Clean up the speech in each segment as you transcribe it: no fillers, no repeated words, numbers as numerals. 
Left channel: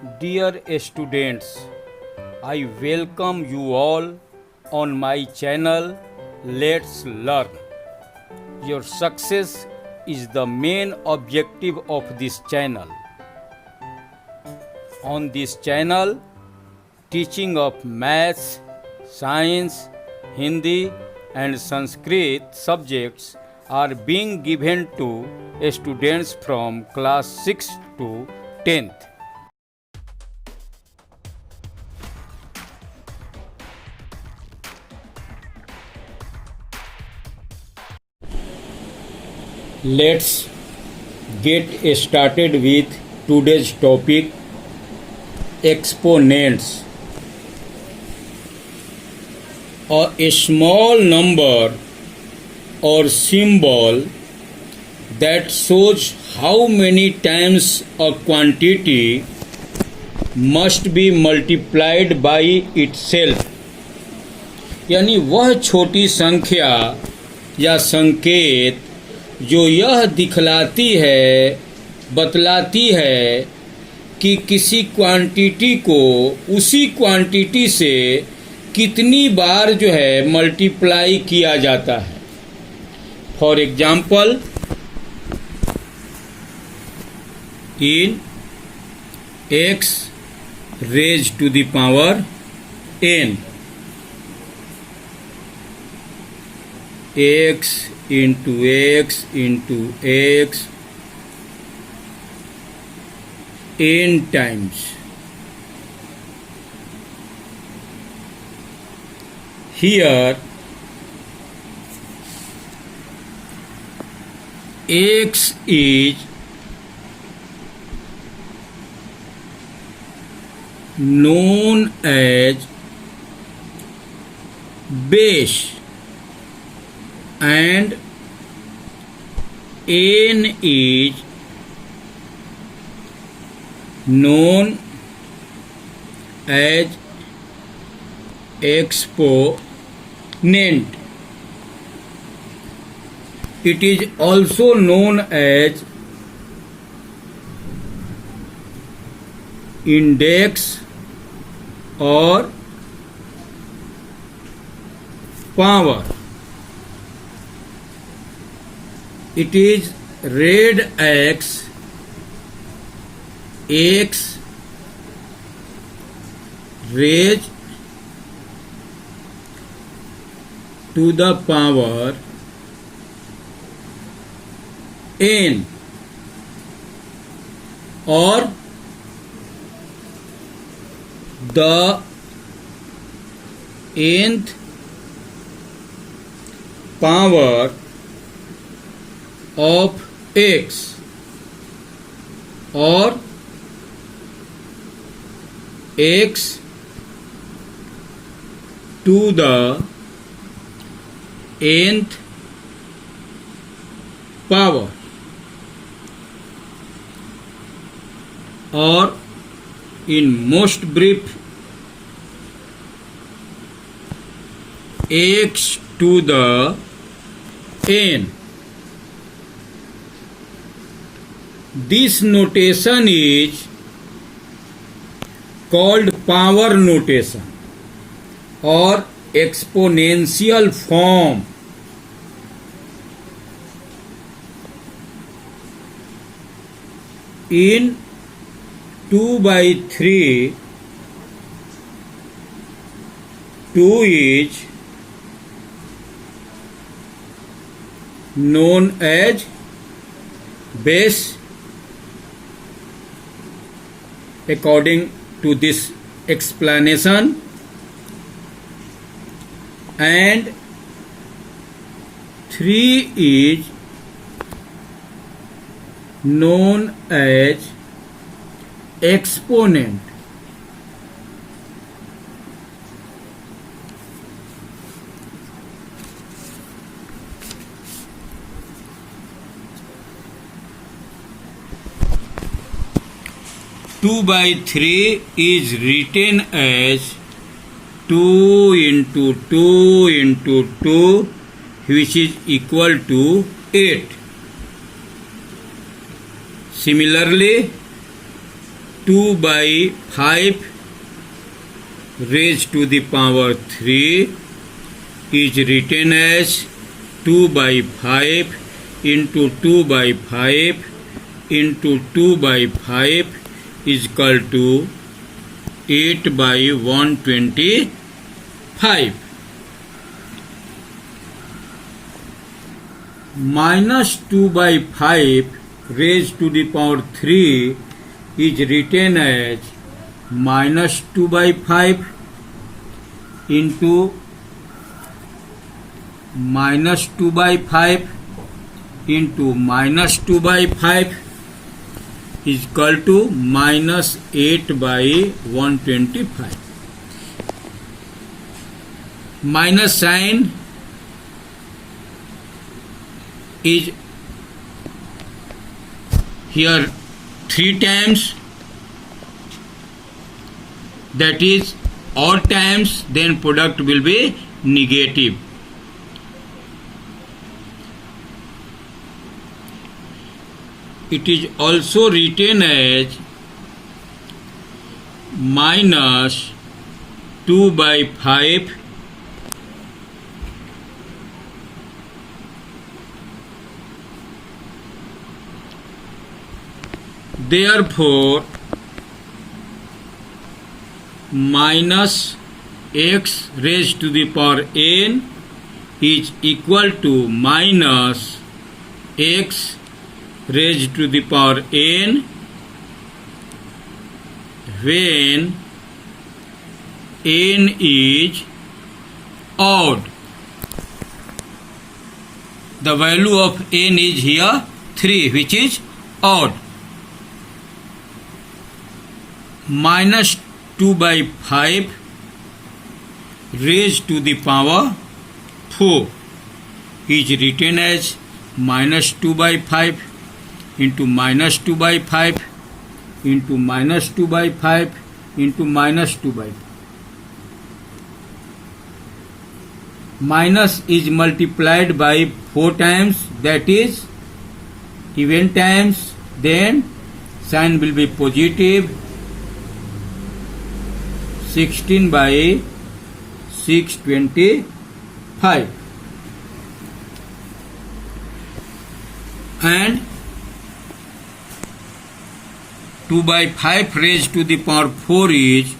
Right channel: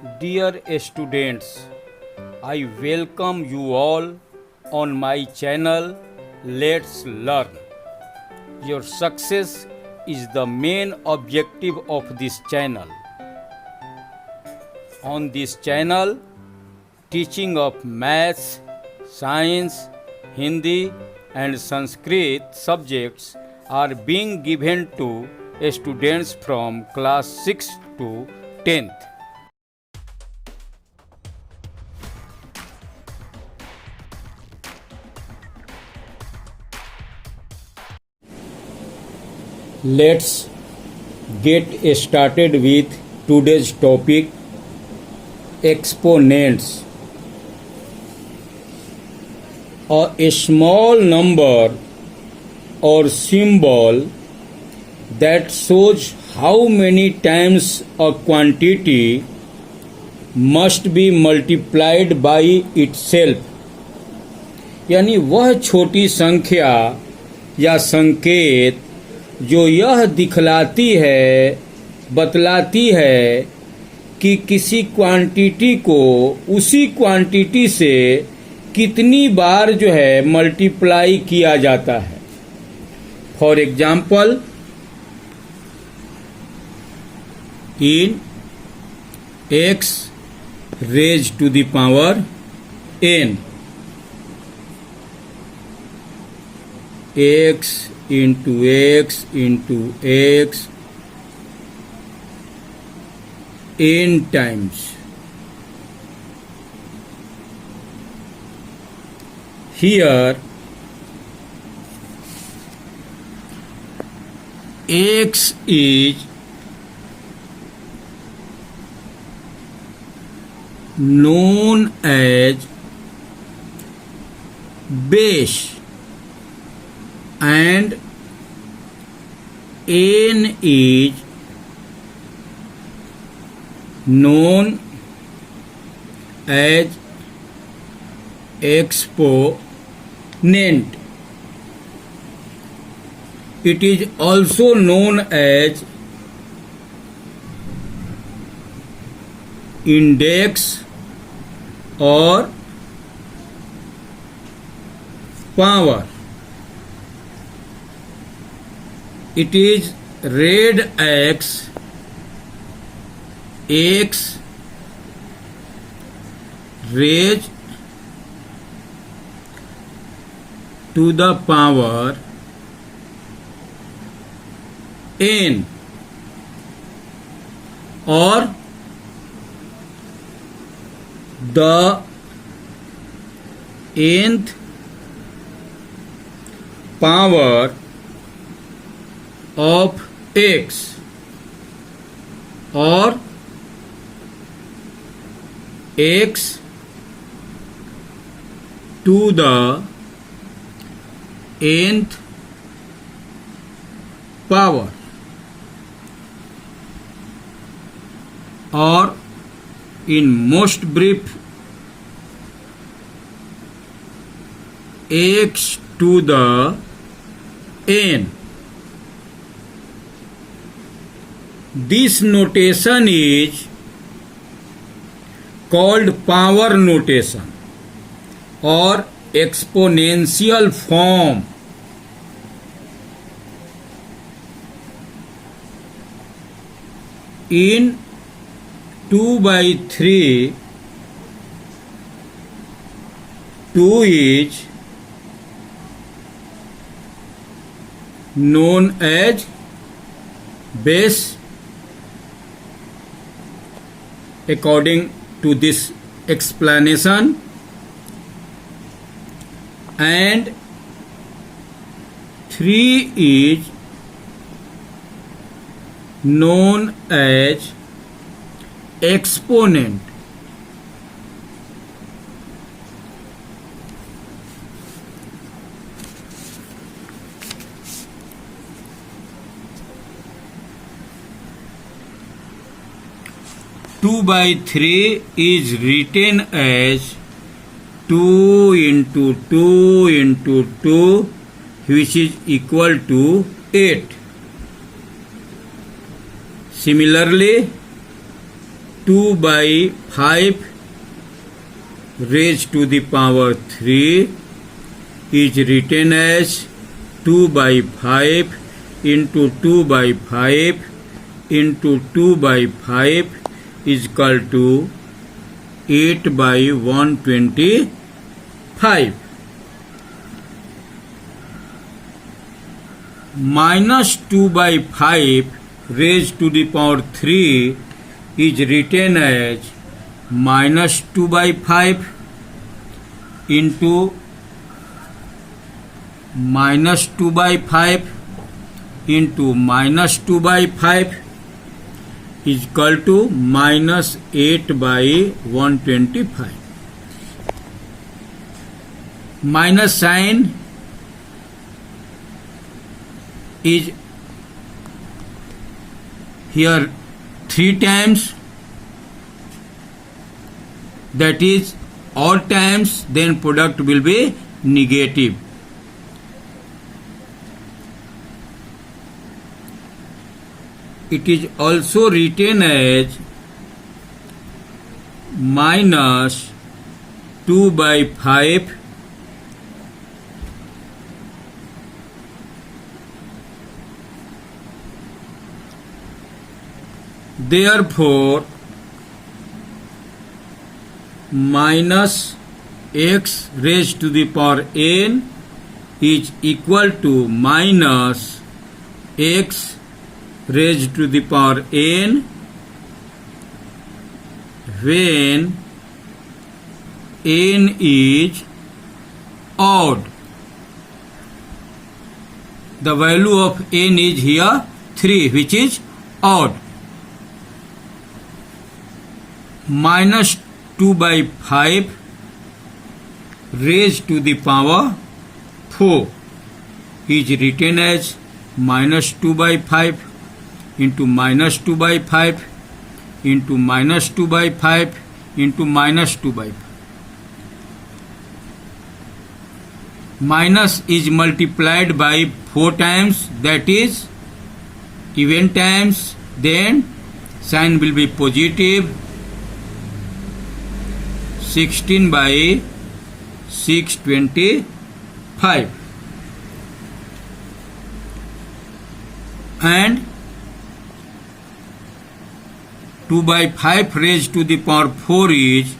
Dear students, I welcome you all on my channel Let's Learn. Your success is the main objective of this channel. On this channel, teaching of maths, science, Hindi and Sanskrit subjects are being given to students from class 6 to 10th. Let's get started with today's topic, exponents. A small number or symbol that shows how many times a quantity must be multiplied by itself. यानी वह छोटी संख्या या संकेत जो यह दिखलाती है, बतलाती है कि किसी क्वांटिटी को उसी क्वांटिटी से कितनी बार जो है मल्टीप्लाई किया जाता है. For example, in x raised to the power n, x into x into x n times. Here x is known as base and n is known as exponent. It is also known as index or power. It is read as x raised to the power n, or the nth power of x, or x to the nth power, or in most brief, x to the n. This notation is called power notation or exponential form. In 2 by 3, 2 is known as base according to this explanation, and 3 is known as exponent. Two by 3 is written as 2 into 2 into 2, which is equal to 8. Similarly, 2 by 5 raised to the power 3 is written as 2 by 5 into 2 by 5 into 2 by 5 is equal to 8 by 125. Minus 2 by 5 raised to the power 3 is written as minus 2 by 5 into minus 2 by 5 into minus 2 by 5 is equal to minus 8 by 125. Minus sign is here 3 times, that is odd times, then product will be negative. It is also written as minus 2 by 5 therefore minus x raised to the power n is equal to minus x raised to the power n when n is odd. The value of n is here 3, which is odd. Minus 2 by 5 raised to the power 4 is written as minus 2 by 5 into minus 2 by 5 into minus 2 by 5 into minus 2 by 5. Minus is multiplied by 4 times, that is even times, then sign will be positive. 16 by 625 and 2 by 5 raised to the power 4 is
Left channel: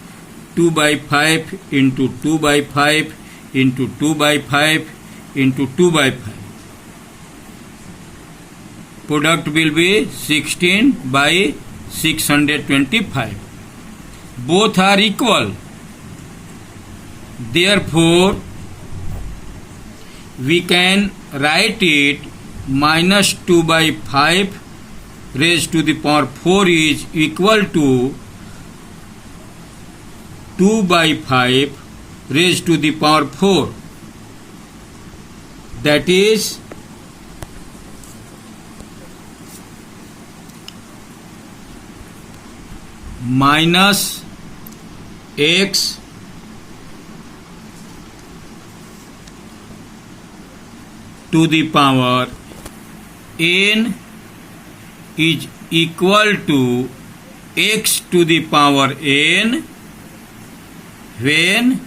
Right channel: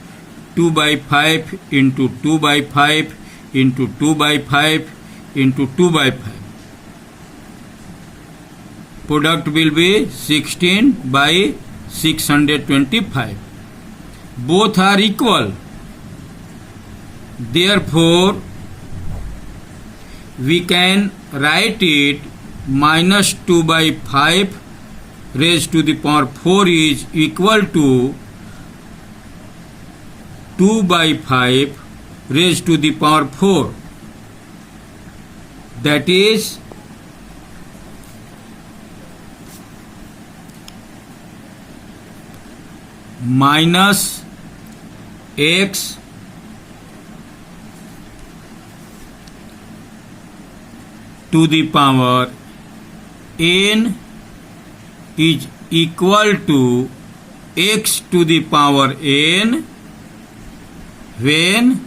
2 by 5 into 2 by 5 into 2 by 5 into 2 by 5. Product will be 16 by 625. Both are equal. Therefore, we can write it minus 2 by 5 raised to the power 4 is equal to 2 by 5 raised to the power 4. That is minus x to the power n is equal to x to the power n when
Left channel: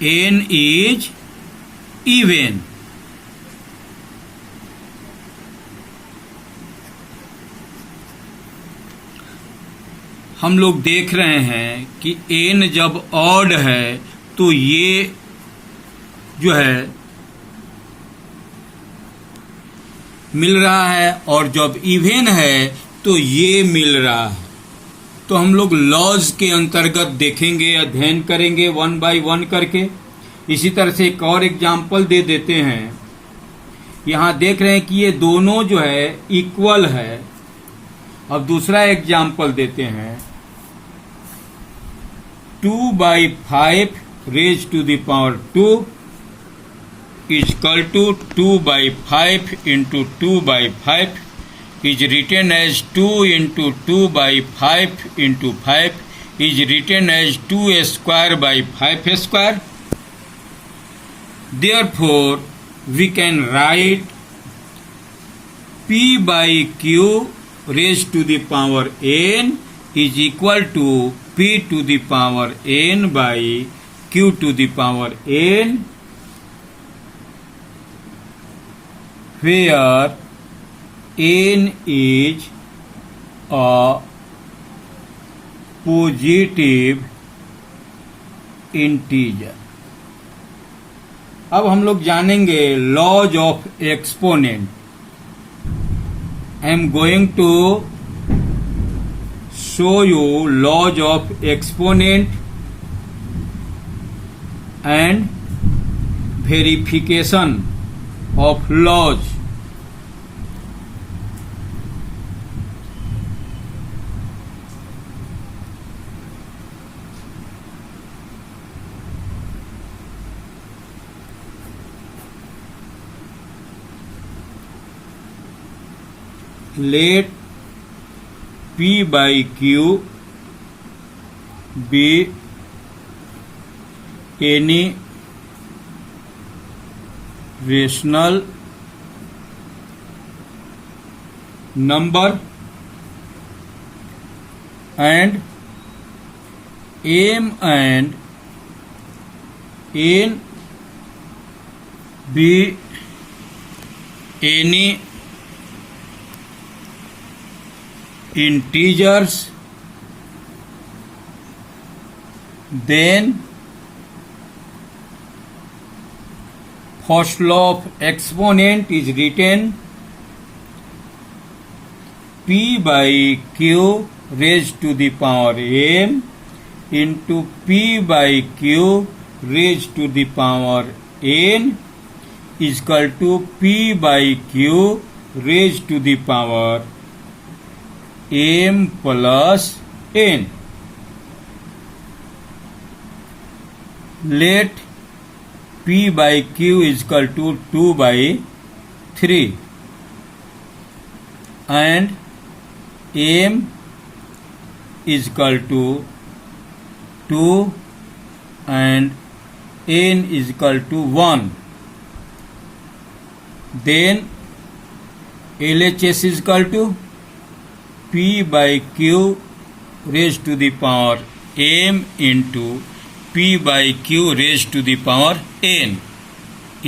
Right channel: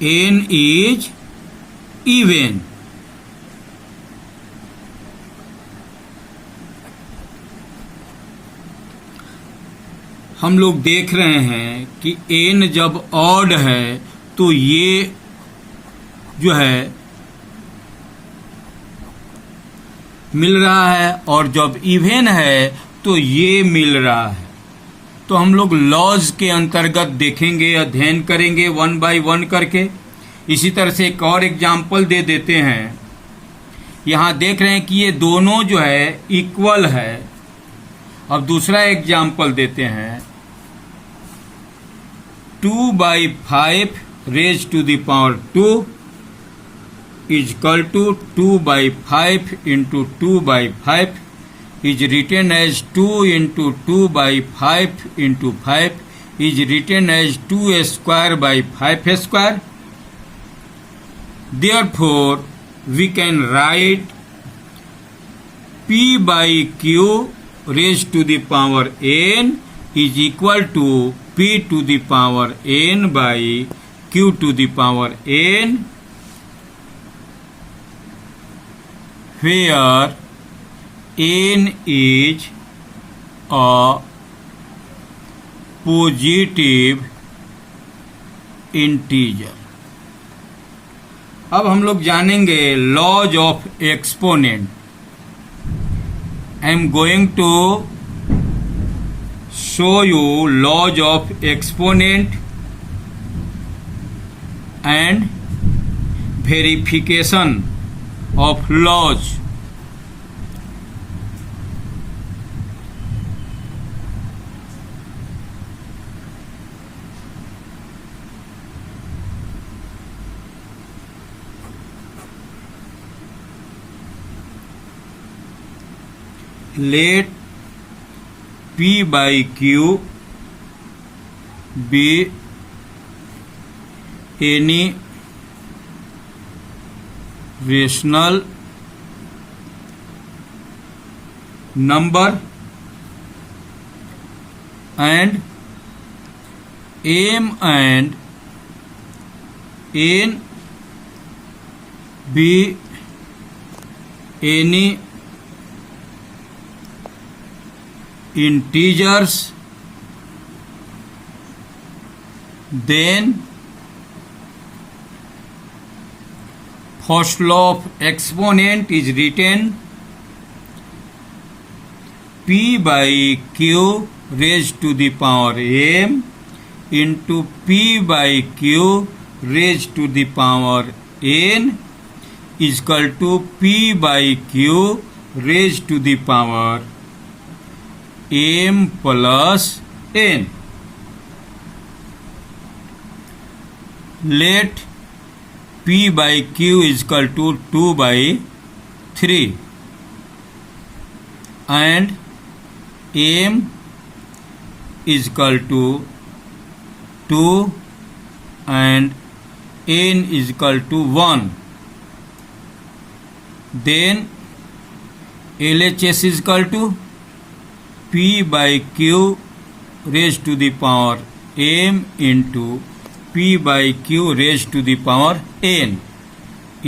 n is even. हम लोग देख रहे हैं कि n जब odd है तो ये जो है मिल रहा है, और जब इवन है तो ये मिल रहा है. तो हम लोग लॉज के अंतर्गत देखेंगे, अध्ययन करेंगे 1 बाय 1 करके. इसी तरह से एक और एग्जाम्पल दे देते हैं. यहाँ देख रहे हैं कि ये दोनों जो है इक्वल है. अब दूसरा एग्जाम्पल देते हैं. 2 by 5 raised to the power 2 is equal to 2 by 5 into 2 by 5 is written as 2 into 2 by 5 into 5 is written as 2 square by 5 square. Therefore, we can write P by Q raised to the power n is equal to p to the power n by q to the power n, where n is a positive integer. अब हम लोग जानेंगे laws of exponent. I am going to show you laws of exponent and verification of laws. Let P by Q be any rational number and M and N be any integers, then first law of exponent is written p by q raised to the power m into p by q raised to the power n is equal to p by q raised to the power m plus n. Let p by q is equal to 2 by 3 and m is equal to 2 and n is equal to 1. Then LHS is equal to p by q raised to the power m into p by q raised to the power n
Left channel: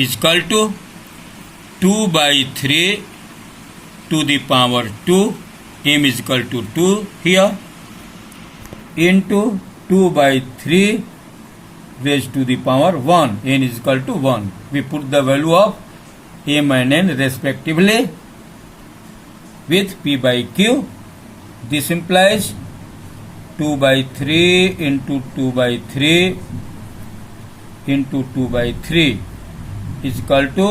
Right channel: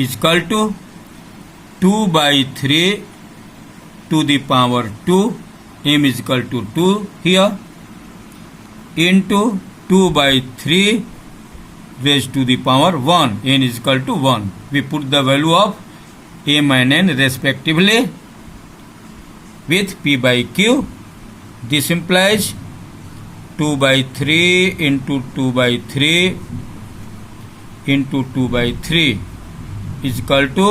is equal to 2 by 3 to the power 2, m is equal to 2 here, into 2 by 3 raised to the power 1, n is equal to 1. We put the value of m and n respectively with p by q. This implies 2 by 3 into 2 by 3 into 2 by 3 is equal to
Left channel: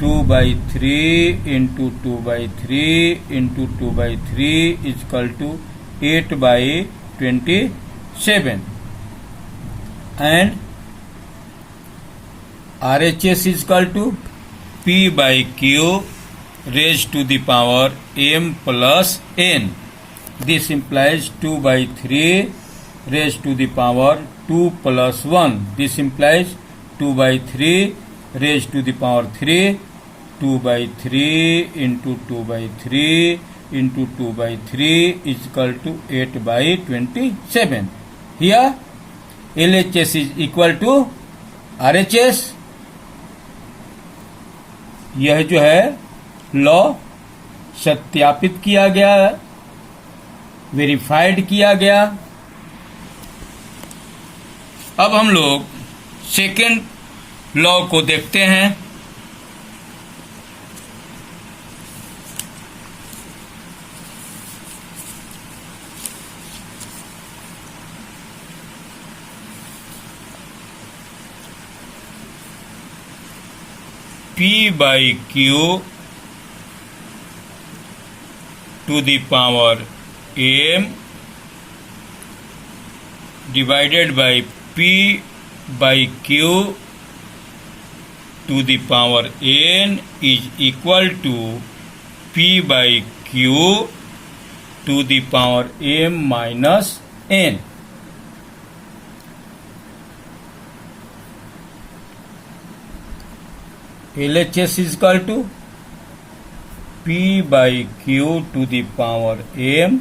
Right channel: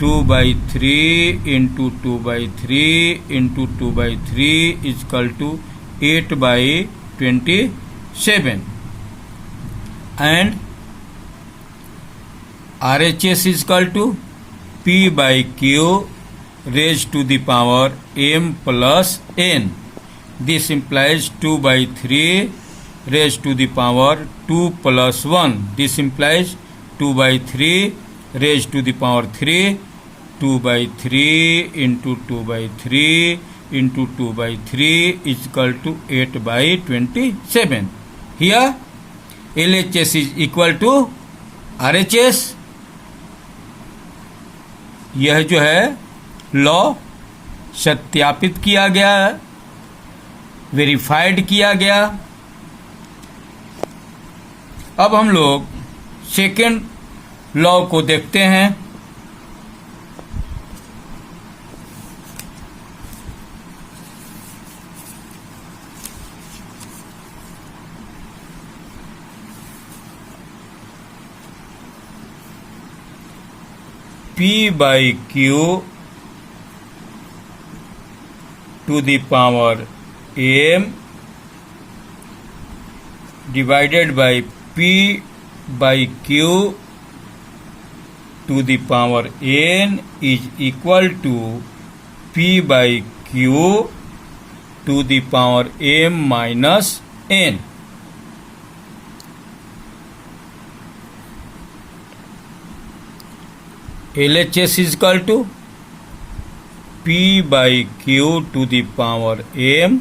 2 by 3 into 2 by 3 into 2 by 3 is equal to 8 by 27. And RHS is equal to p by q raised to the power m plus n. This implies 2 by 3 raised to the power 2 plus 1. This implies 2 by 3 raised to the power 3, 2 by 3 into 2 by 3 into 2 by 3 is equal to 8 by 27. Here LHS is equal to RHS. यह जो है law सत्यापित किया गया, verified किया गया. अब हम लोग सेकेंड लॉ को देखते हैं. P by Q to the power m divided by P by Q to the power n is equal to P by Q to the power m minus n. LHS is equal to P by Q to the power m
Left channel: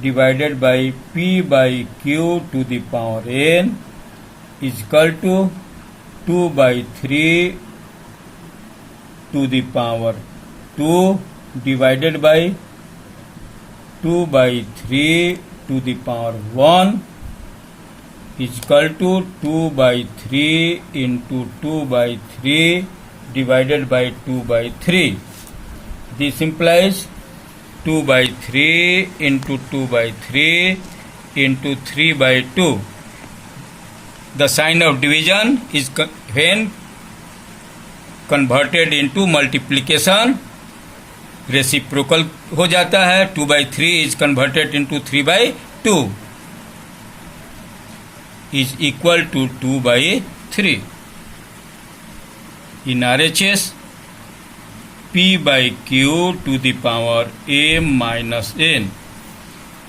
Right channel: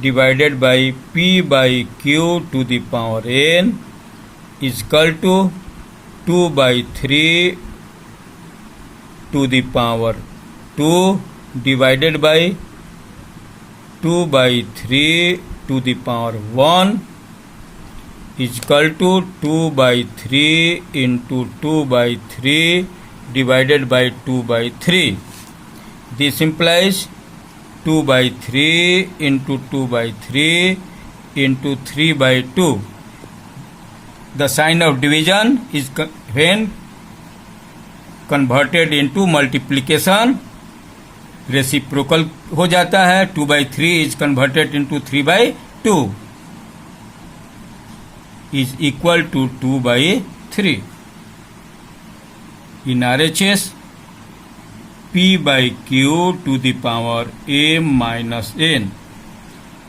divided by p by q to the power n is equal to 2 by 3 to the power 2 divided by 2 by 3 to the power 1 is equal to 2 by 3 into 2 by 3 divided by 2 by 3. This implies 2 by 3 into 2 by 3 into 3 by 2. The sign of division is when converted into multiplication reciprocal हो जाता है. 2 by 3 is converted into 3 by 2 is equal to 2 by 3. In RHS, P by Q to the power m minus n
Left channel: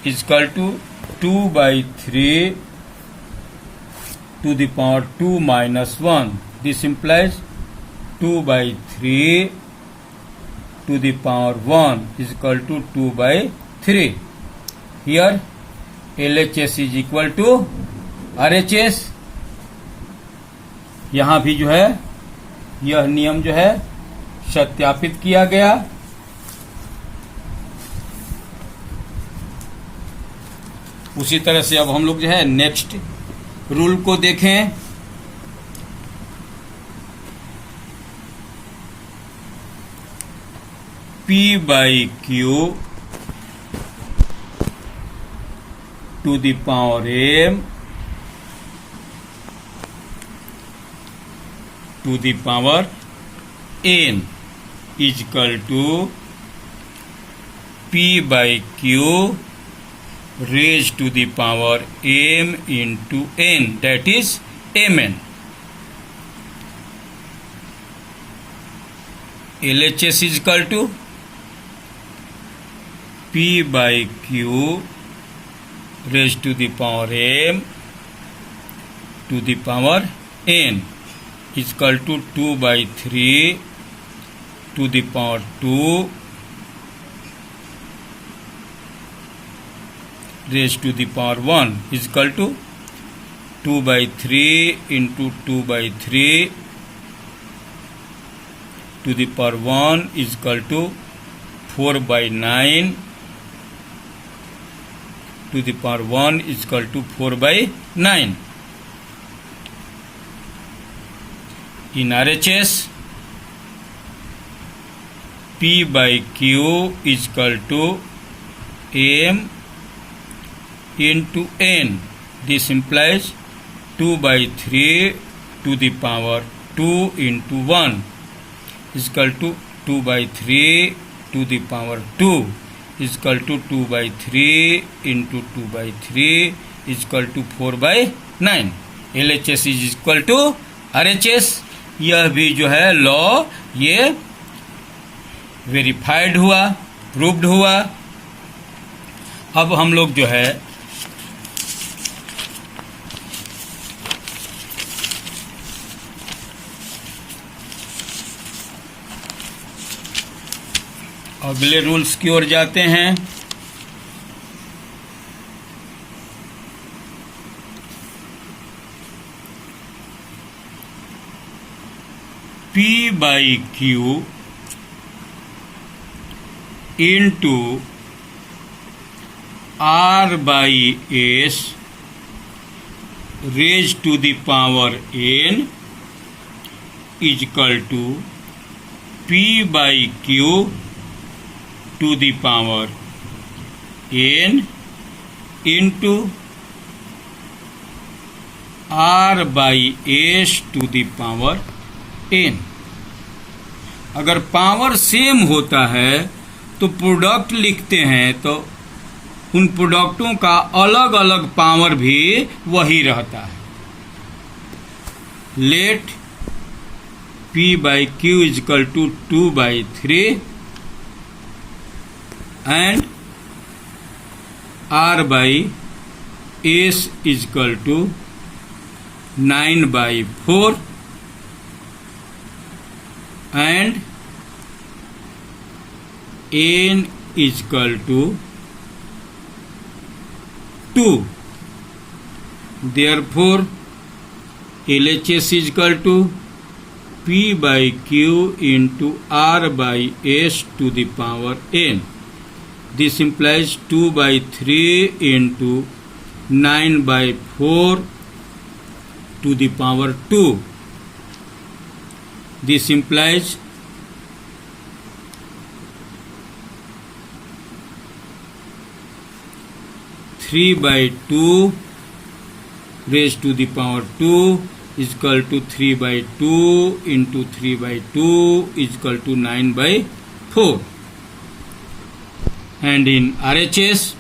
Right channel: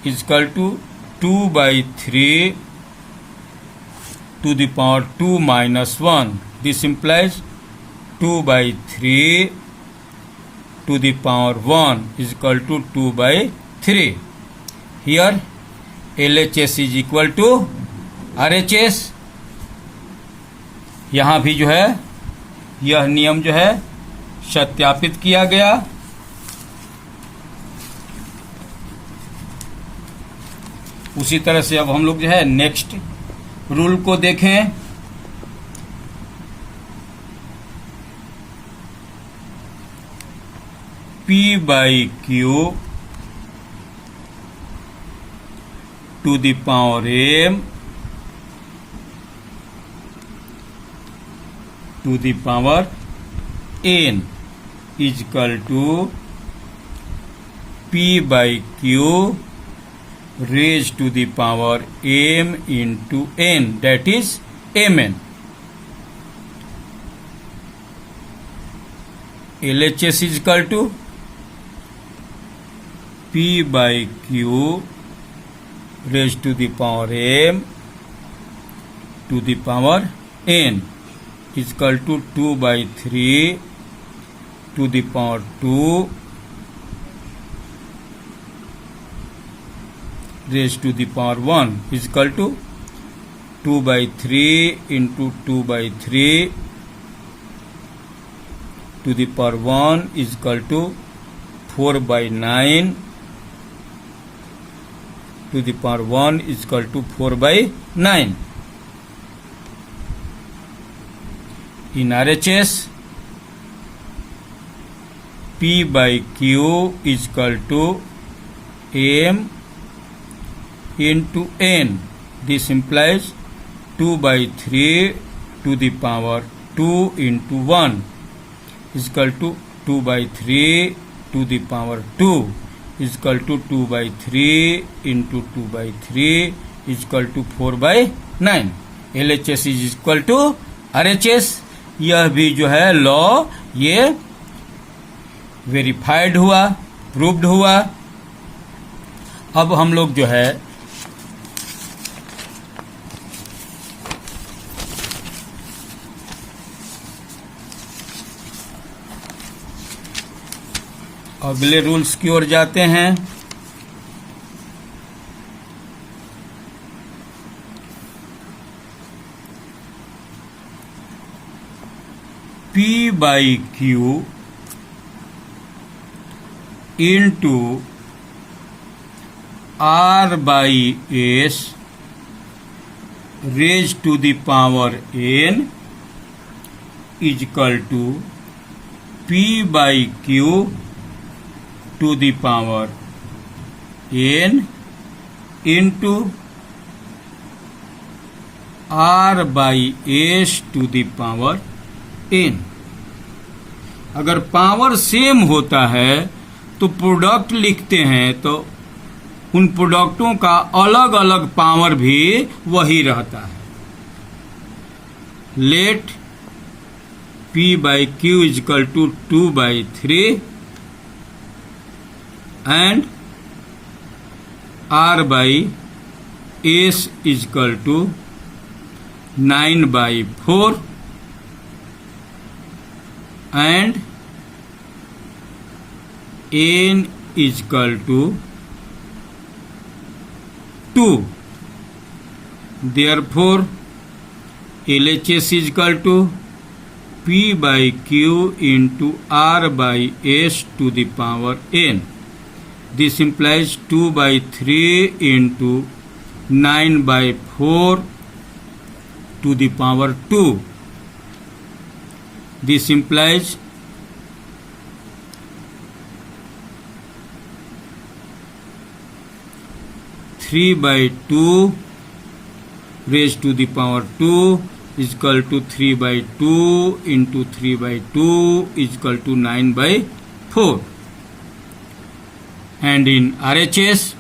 is equal to 2 by 3 to the power 2 minus 1. This implies 2 by 3 to the power 1 is equal to 2 by 3. Here LHS is equal to RHS. यहाँ भी जो है यह नियम जो है सत्यापित किया गया. उसी तरह से अब हम लोग जो है नेक्स्ट रूल को देखें. P by Q to the power m to the power n is equal to P by Q raised to the power m into n, that is mn. LHS is equal to P by Q raised to the power m to the power n is equal to 2 by 3 to the power 2 raised to the power 1 is equal to 2 by 3 into 2 by 3 to the power 1 is equal to 4 by 9 to the power 1 is equal to 4 by 9. In RHS, P by Q is equal to m into n. This implies 2 by 3 to the power 2 into 1 is equal to 2 by 3 to the power 2 is equal to 2 by 3 into 2 by 3 is equal to 4 by 9. LHS is equal to RHS. यह भी जो है law ये verified हुआ, proved हुआ. अब हम लोग जो है अगले रूल्स की ओर जाते हैं. P by Q into R by S raised to the power n is equal to P by Q to the power n into R by S to the power n. अगर power same होता है तो product लिखते हैं तो उन प्रोडक्टों का अलग अलग पावर भी वही रहता है. Let P by Q is equal to 2 by 3 and R by S is equal to 9 by 4 and n is equal to 2. Therefore, LHS is equal to P by Q into R by S to the power n. This implies 2 by 3 into 9 by 4 to the power 2. This implies 3 by 2 raised to the power 2 is equal to 3 by 2 into 3 by 2 is equal to 9 by 4. And in RHS,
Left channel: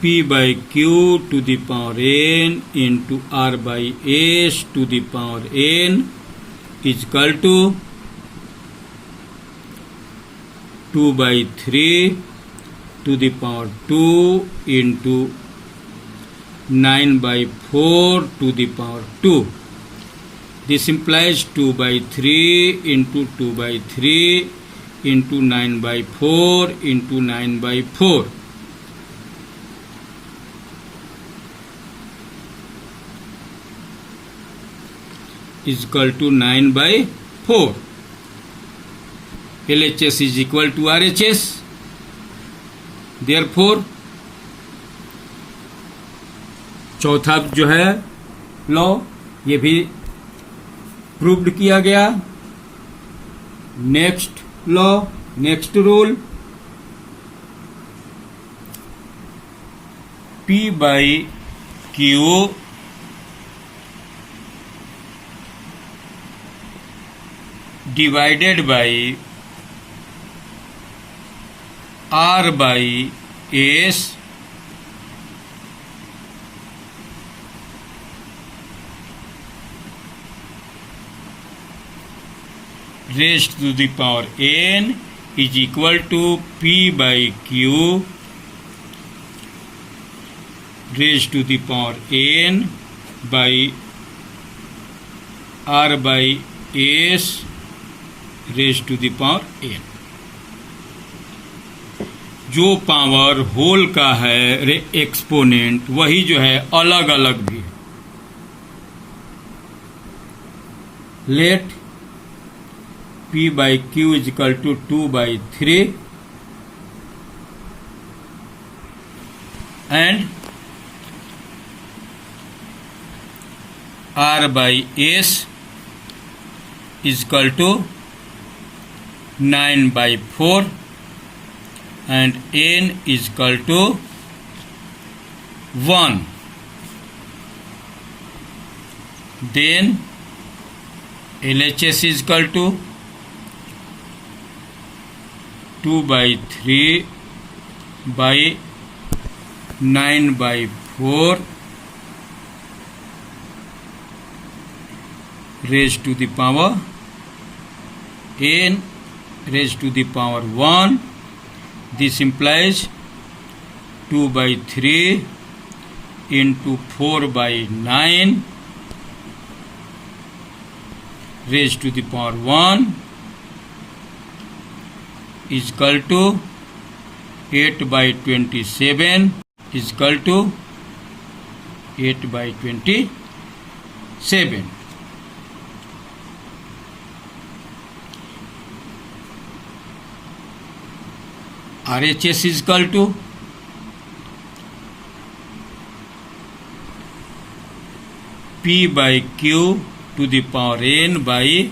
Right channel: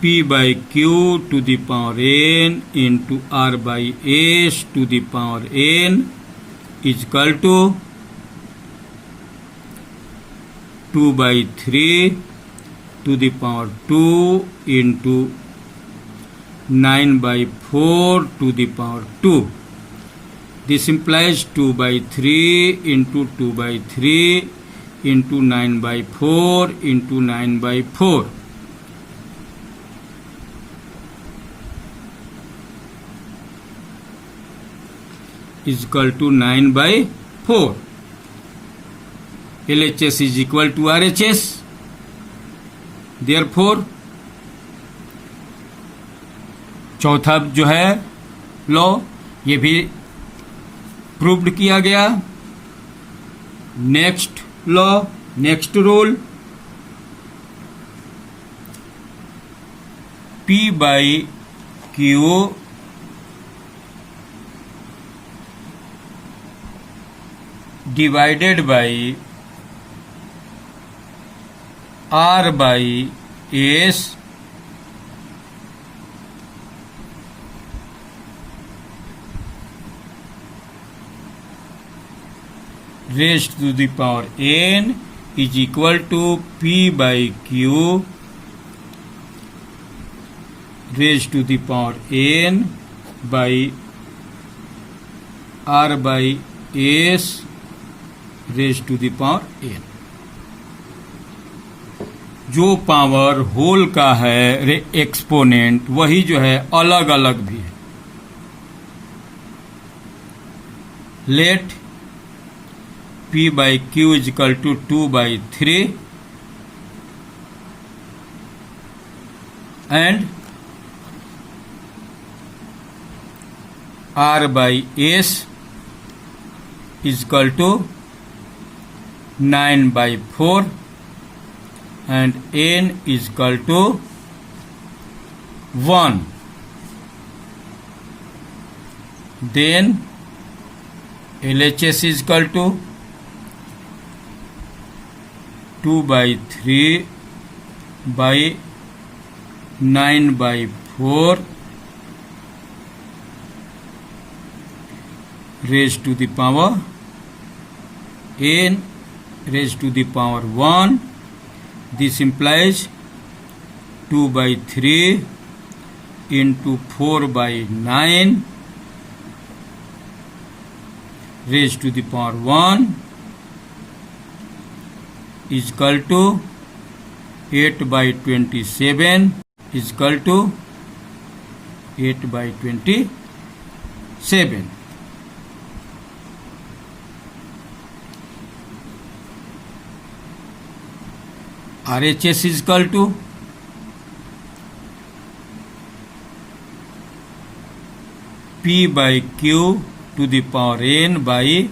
P by Q to the power n into R by S to the power n is equal to 2 by 3 to the power 2 into 9 by 4 to the power 2. This implies 2 by 3 into 2 by 3 into 9 by 4 into 9 by 4. Is equal to 9 by 4. LHS is equal to RHS. Therefore, चौथा जो है law ये भी proved किया गया. Next law, next rule, P by Q divided by R by S raised to the power n is equal to P by Q raised to the power n by R by S raised to the power n. जो power whole का है exponent वही जो है अलग अलग भी है. Let P by Q is equal to 2 by 3 and R by S is equal to 9 by 4 and n is equal to 1. Then LHS is equal to 2 by 3 by 9 by 4 raised to the power n raised to the power 1. This implies 2 by 3 into 4 by 9 raised to the power 1 is equal to 8 by 27 is equal to 8 by 27. RHS is equal to P by Q to the power n by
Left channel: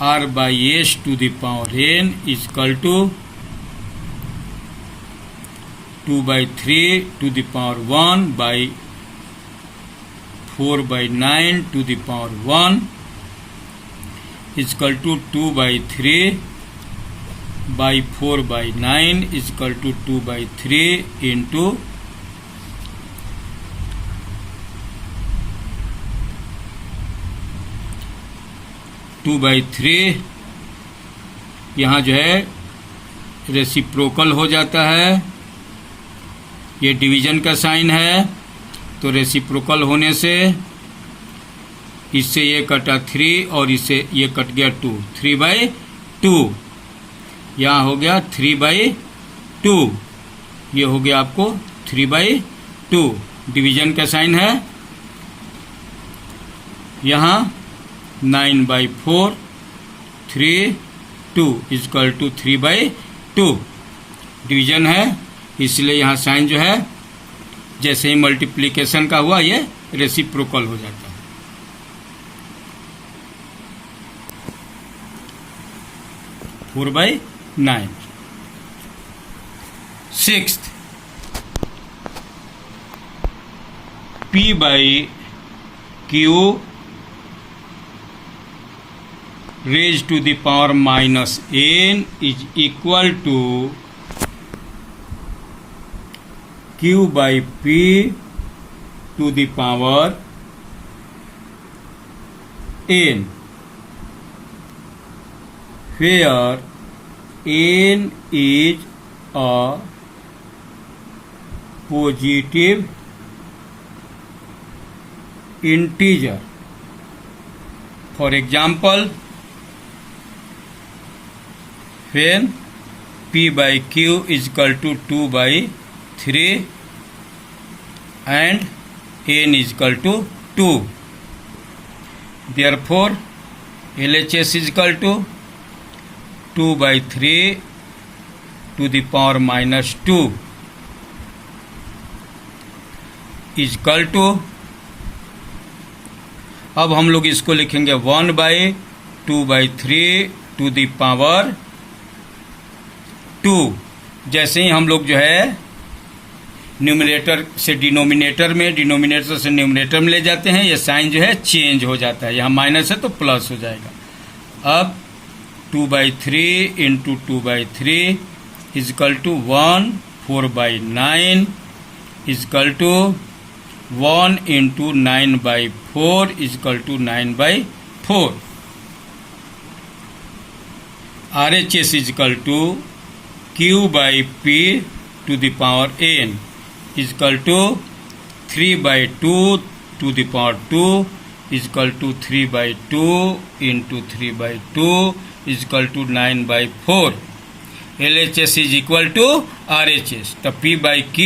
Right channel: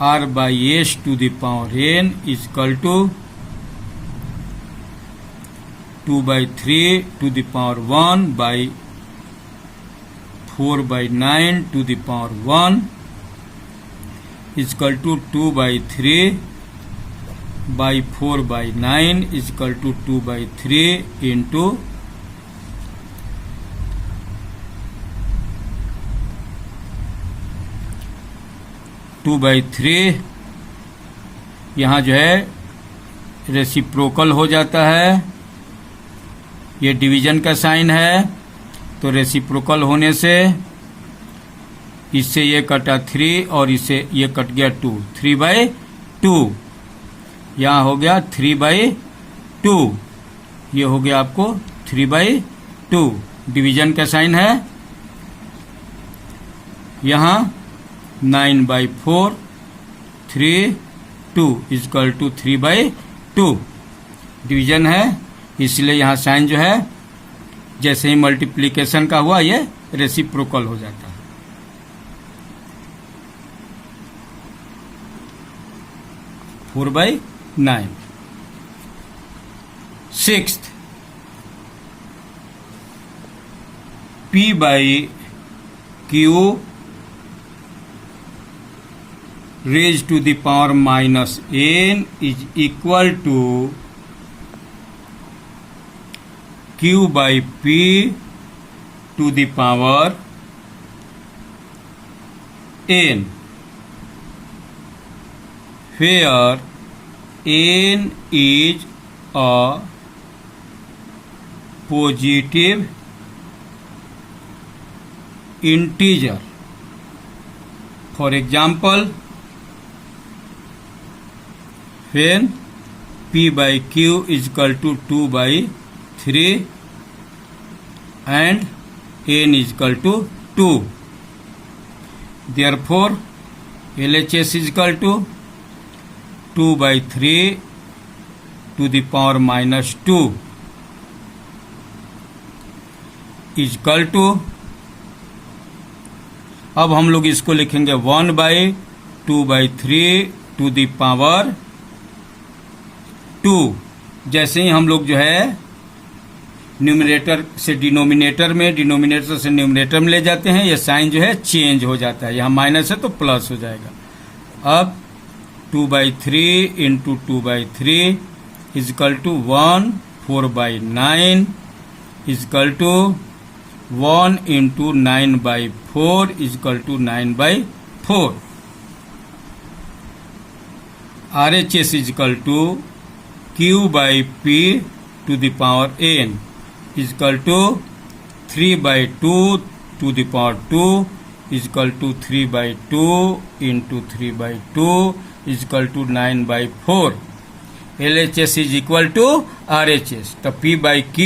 R by S to the power n is equal to 2 by 3 to the power 1 by 4 by 9 to the power 1 is equal to 2 by 3 by 4 by 9 is equal to 2 by 3 into 2 by 3. यहाँ जो है reciprocal हो जाता है. ये division का sign है तो रेसिप्रोकल होने से इससे ये कटा 3 और इससे ये कट गया 2. 3 by 2, यहाँ हो गया 3/2, ये हो गया आपको 3/2। डिवीजन का साइन है, यहाँ 9/4 3 2 इक्वल टू 3/2। डिवीजन है, इसलिए यहाँ साइन जो है जैसे ही मल्टीप्लिकेशन का हुआ ये रेसिप्रोकल हो जाता है। Four by 9। Sixth, P/Q raised to the power minus n is equal to Q/P to the power n, where n is a positive integer. For example, when P/Q is equal to 2/3 and n is equal to 2, therefore LHS is equal to 2/3 to the power minus 2 is equal to, अब हम लोग इसको लिखेंगे 1/2/3 to the power 2। जैसे ही हम लोग जो है न्यूमरेटर से डिनोमिनेटर में, डिनोमिनेटर से न्यूमरेटर में ले जाते हैं, ये साइन जो है चेंज हो जाता है, यहाँ माइनस है तो प्लस हो जाएगा। अब 2/3 into 2/3 is equal to 1, 4/9 is equal to 1 into 9/4 is equal to 9/4। RHS is equal to Q/P to the power n is equal to 3/2 to the power 2 is equal to 3/2 into 3/2 is equal to 9/4। LHS is equal to RHS, तो P/Q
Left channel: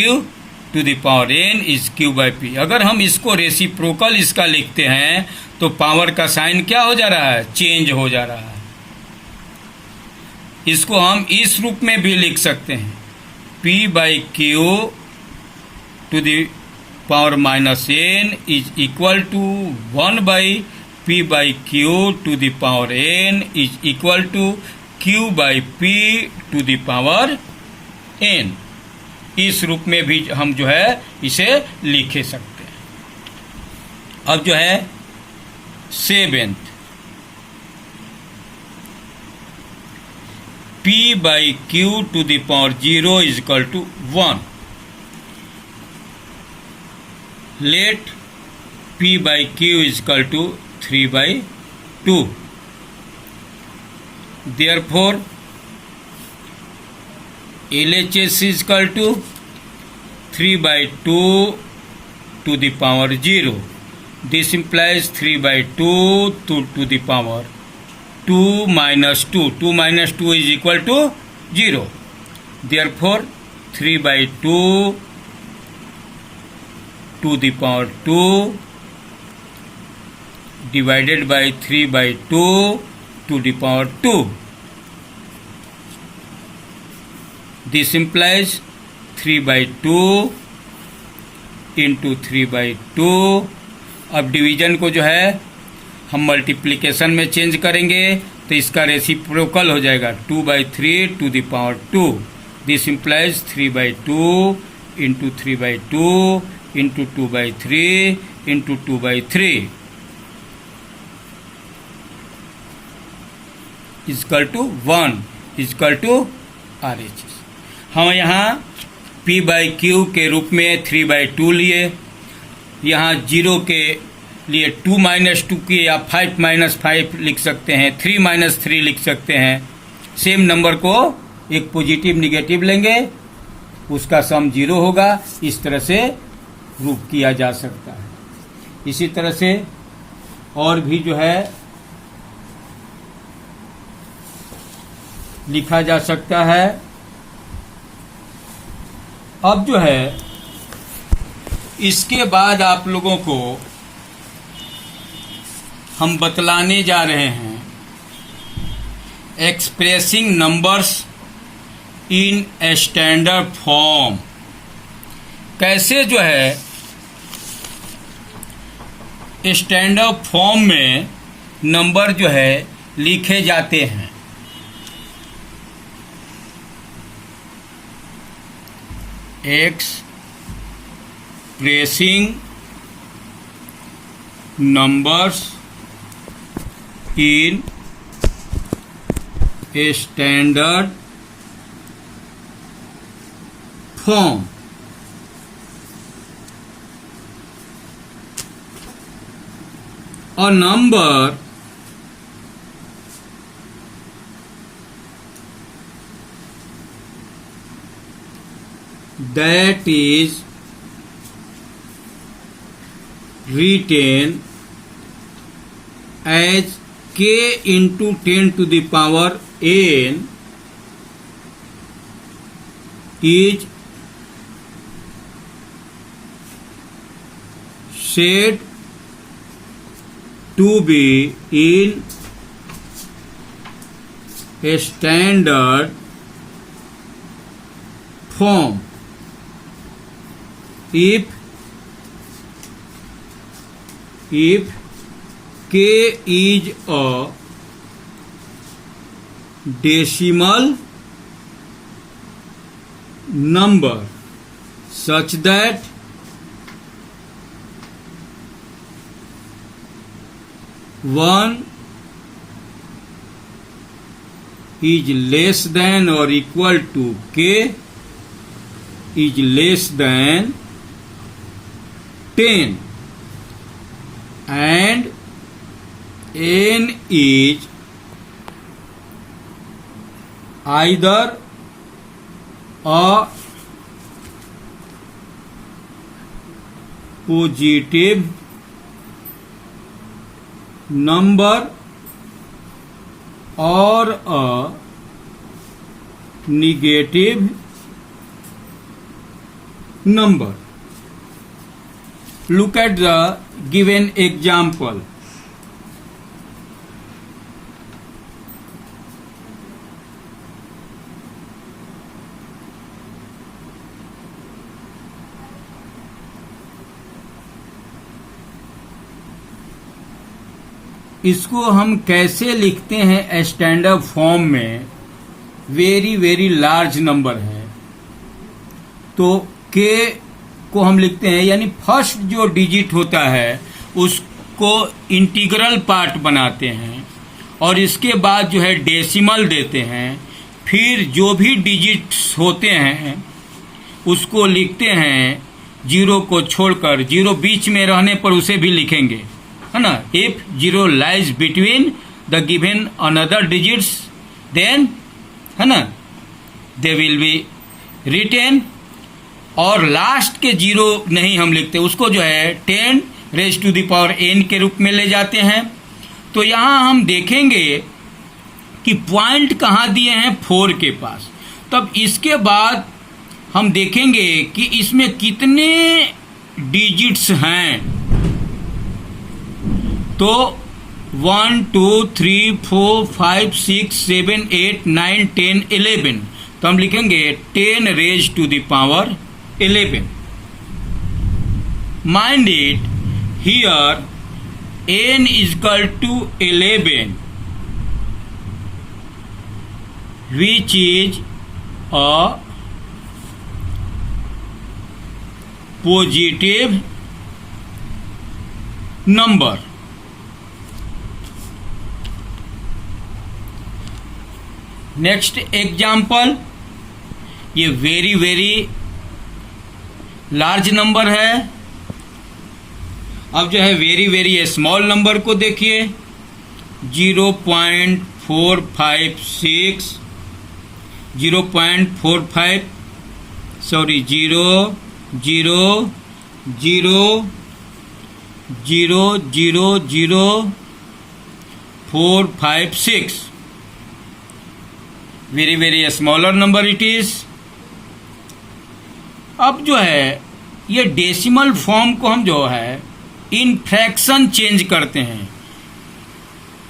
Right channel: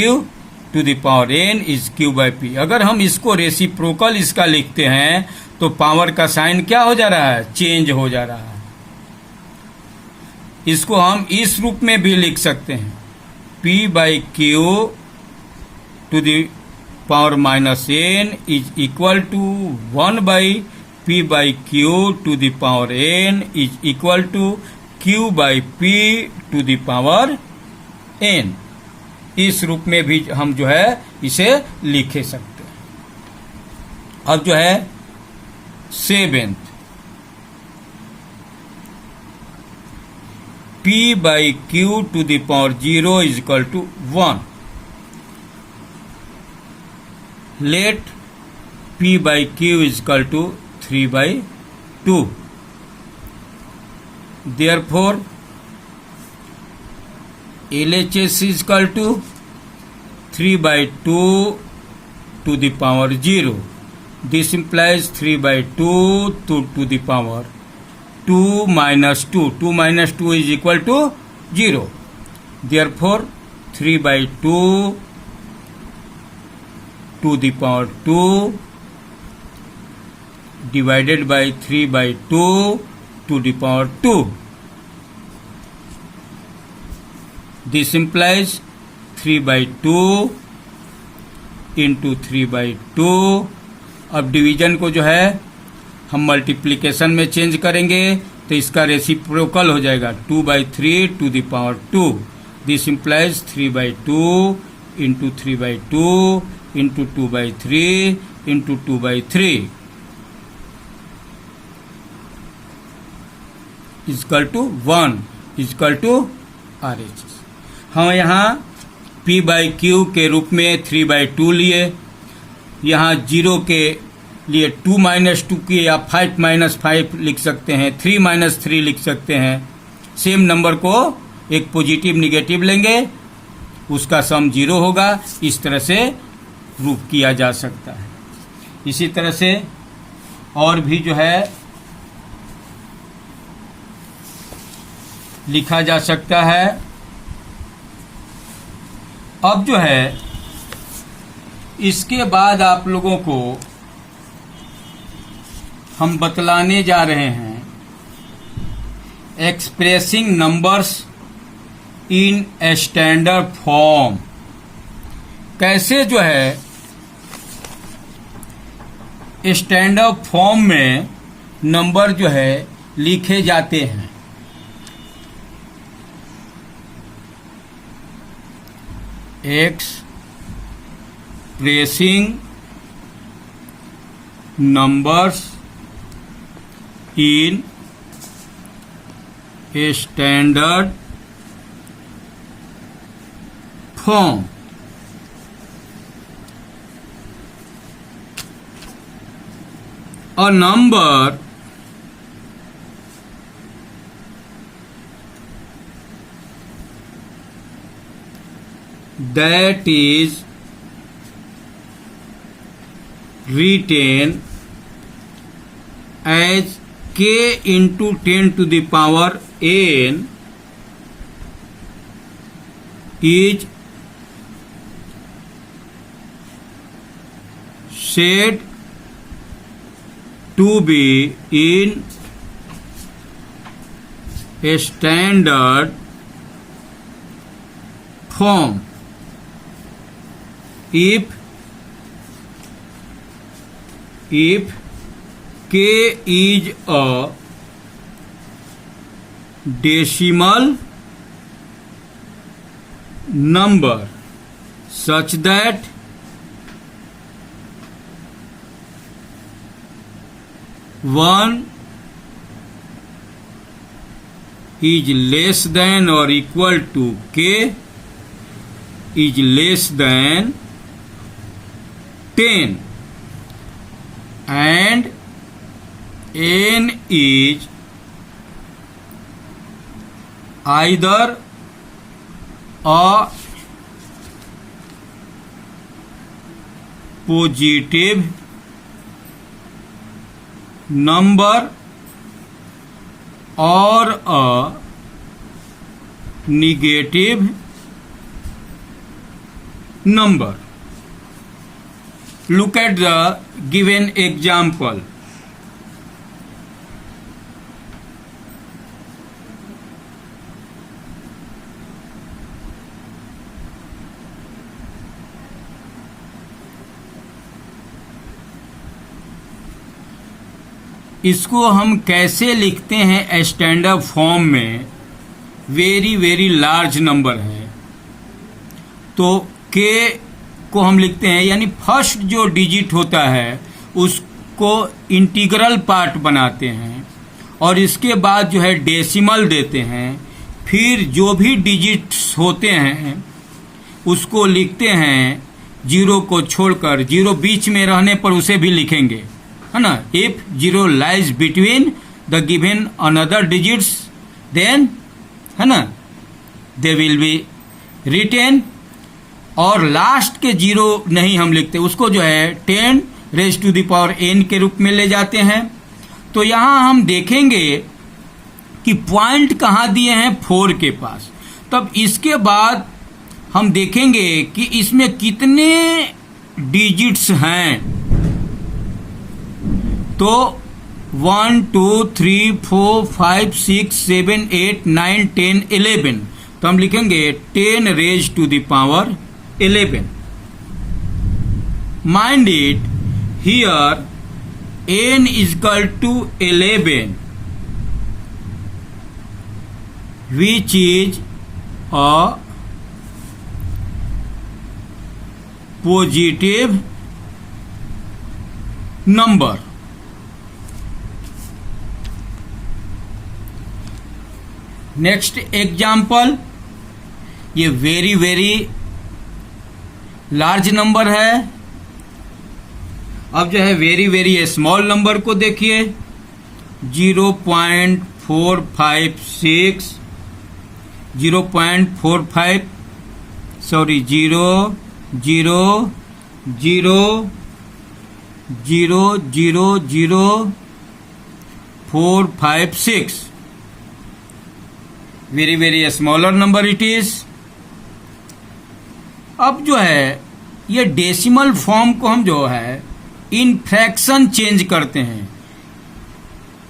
to the power n is Q/P। अगर हम इसको reciprocal इसका लिखते हैं तो power का sign क्या हो जा रहा है, चेंज हो जा रहा है। इसको हम इस रूप में भी लिख सकते हैं, P/Q to the power minus n is equal to 1/P/Q to the power n is equal to Q/P to the power n। इस रूप में भी हम जो है इसे लिखे सकते हैं। अब जो है seventh, P/Q to the power 0 is equal to 1। Let P/Q is equal to 3/2। Therefore LHS is equal to 3/2 to the power 0. This implies 3/2 to the power 2 minus 2. 2 minus 2 is equal to 0. Therefore, 3/2 to the power 2 divided by 3/2 to the power 2. This implies 3/2 into 3/2। अब division को जो है हम multiplication में change करेंगे तो इसका reciprocal हो जाएगा 2/3 to the power 2। This implies 3/2 into 3/2 into 2/3 into 2/3 is equal to 1 is equal to RHS। हाँ, यहाँ P/Q के रूप में 3/2 लिए, यहाँ 0 के लिए 2 - 2 की या 5 - 5 लिख सकते हैं, 3 - 3 लिख सकते हैं। सेम नंबर को एक पॉजिटिव निगेटिव लेंगे, उसका सम 0 होगा। इस तरह से रूप किया जा सकता है। इसी तरह से और भी जो है लिखा जा सकता है। अब जो है इसके बाद आप लोगों को हम बतलाने जा रहे हैं expressing numbers in standard form. कैसे जो है स्टैंडर्ड फॉर्म में नंबर जो है लिखे जाते हैं। Expressing numbers in standard form. A number that is written as k into 10 to the power n is said to be in a standard form if k is a decimal number such that 1 is less than or equal to k is less than 10 and n is either a positive number or a negative number. Look at the given example. इसको हम कैसे लिखते हैं standard form में। Very very large number है तो k को हम लिखते हैं, यानी फर्स्ट जो डिजिट होता है उसको इंटीग्रल पार्ट बनाते हैं और इसके बाद जो है डेसिमल देते हैं। फिर जो भी डिजिट्स होते हैं उसको लिखते हैं, जीरो को छोड़कर, जीरो बीच में रहने पर उसे भी लिखेंगे, है ना। If zero lies between the given another digits then, है ना, दे विल बी रिटेन। और लास्ट के जीरो नहीं हम लिखते, उसको जो है 10 raise to the power n के रूप में ले जाते हैं। तो यहां हम देखेंगे कि पॉइंट कहां दिए हैं 4 के पास। तब इसके बाद हम देखेंगे कि इसमें कितने डिजिट्स हैं। तो 1 2 3 4 5 6 7 8 9 10 11, तो हम लिखेंगे 10 raise to the power 11। Mind it, here n is equal to 11, which is a positive number. Next example, ये वेरी वेरी लार्ज नंबर है। अब जो है वेरी वेरी स्मॉल नंबर को देखिए, 0.456 0.45 sorry 0.0000456 very very smaller number it is. अब जो है ये डेसिमल फॉर्म को हम जो है इन फ्रैक्शन चेंज करते हैं,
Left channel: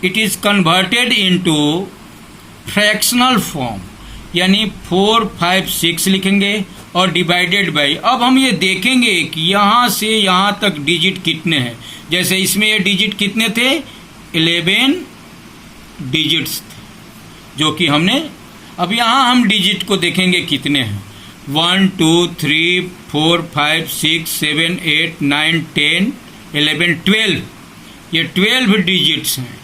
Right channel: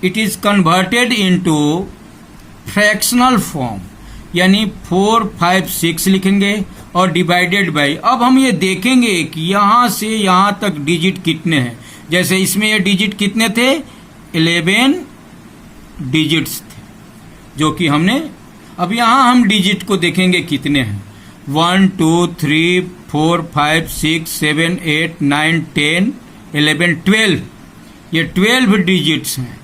it is converted into fractional form, यानी 4, 5, 6 लिखेंगे और डिवाइडेड बाई। अब हम ये देखेंगे कि यहां से यहां तक डिजिट कितने हैं। जैसे इसमें ये डिजिट कितने थे, 11 डिजिट्स थे जो कि हमने, अब यहां हम डिजिट को देखेंगे कितने हैं, 1, 2, 3, 4, 5, 6, 7, 8, 9, 10, 11, 12। ये 12 डिजिट्स हैं,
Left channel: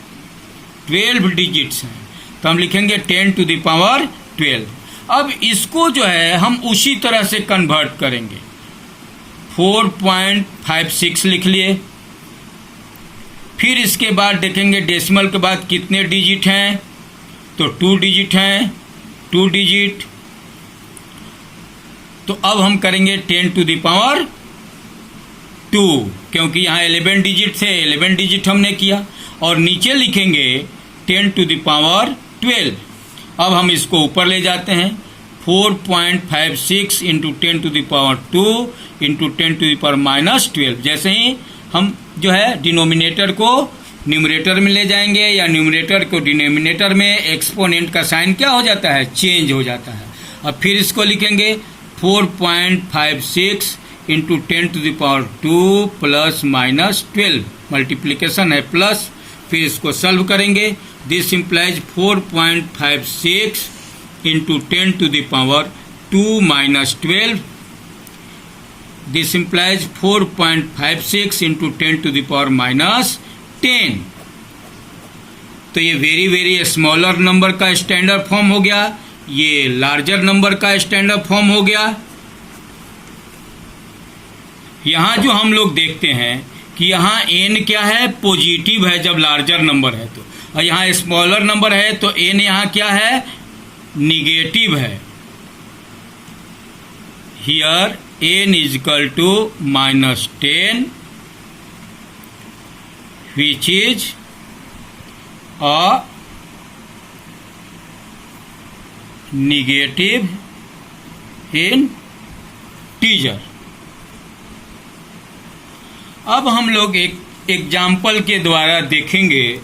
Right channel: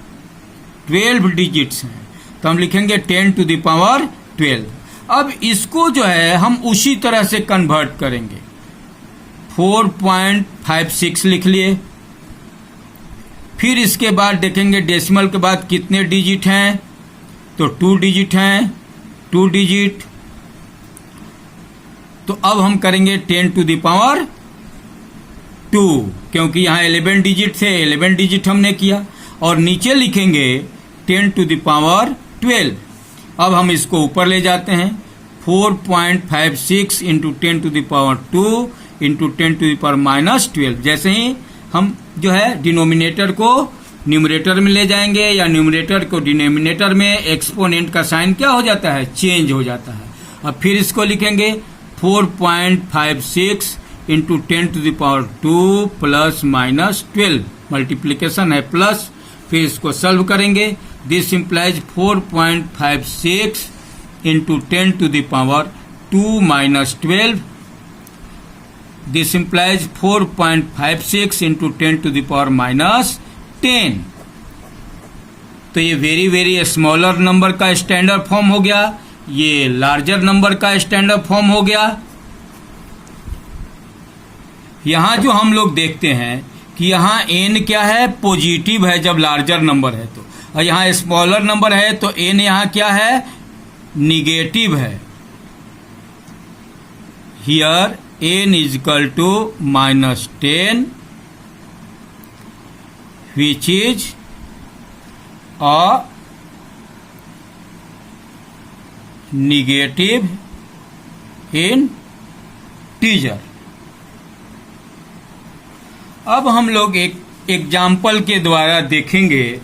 12 डिजिट्स हैं, तो हम लिखेंगे 10 टू द पावर 12। अब इसको जो है हम उसी तरह से कन्वर्ट करेंगे, 4.56 लिख लिए। फिर इसके बाद देखेंगे डेसिमल के बाद कितने डिजिट हैं, तो 2 डिजिट हैं, 2 डिजिट। तो अब हम करेंगे 10 टू द पावर 2, क्योंकि यहां 11 डिजिट थे, 11 डिजिट हमने किया। और नीचे लिखेंगे 10 टू द पावर 12। अब हम इसको ऊपर ले जाते हैं, 4.56 into 10 to the power 2 into 10 to the power -12। जैसे ही हम जो है डिनोमिनेटर को न्यूमरेटर में ले जाएंगे या न्यूमरेटर को डिनोमिनेटर में, एक्सपोनेंट का साइन क्या हो जाता है, चेंज हो जाता है। अब फिर इसको लिखेंगे 4.56 into 10 to the power 2 plus -12, multiplication है प्लस। फिर इसको सॉल्व करेंगे, this implies 4.56 into 10 to the power 2 -12। This implies 4.56 into 10 to the power -10। तो ये वेरी वेरी स्मॉलर नंबर का स्टैंडर्ड फॉर्म हो गया, ये लार्जर नंबर का स्टैंडर्ड फॉर्म हो गया। यहां जो हम लोग देखते हैं कि यहां n क्या है, पॉजिटिव है जब लार्जर नंबर है तो, और यहां स्मॉलर नंबर है तो n यहां क्या है, निगेटिव है। Here n is equal to -10 which is a negative integer। अब हम लोग एक एग्जाम्पल के द्वारा देखेंगे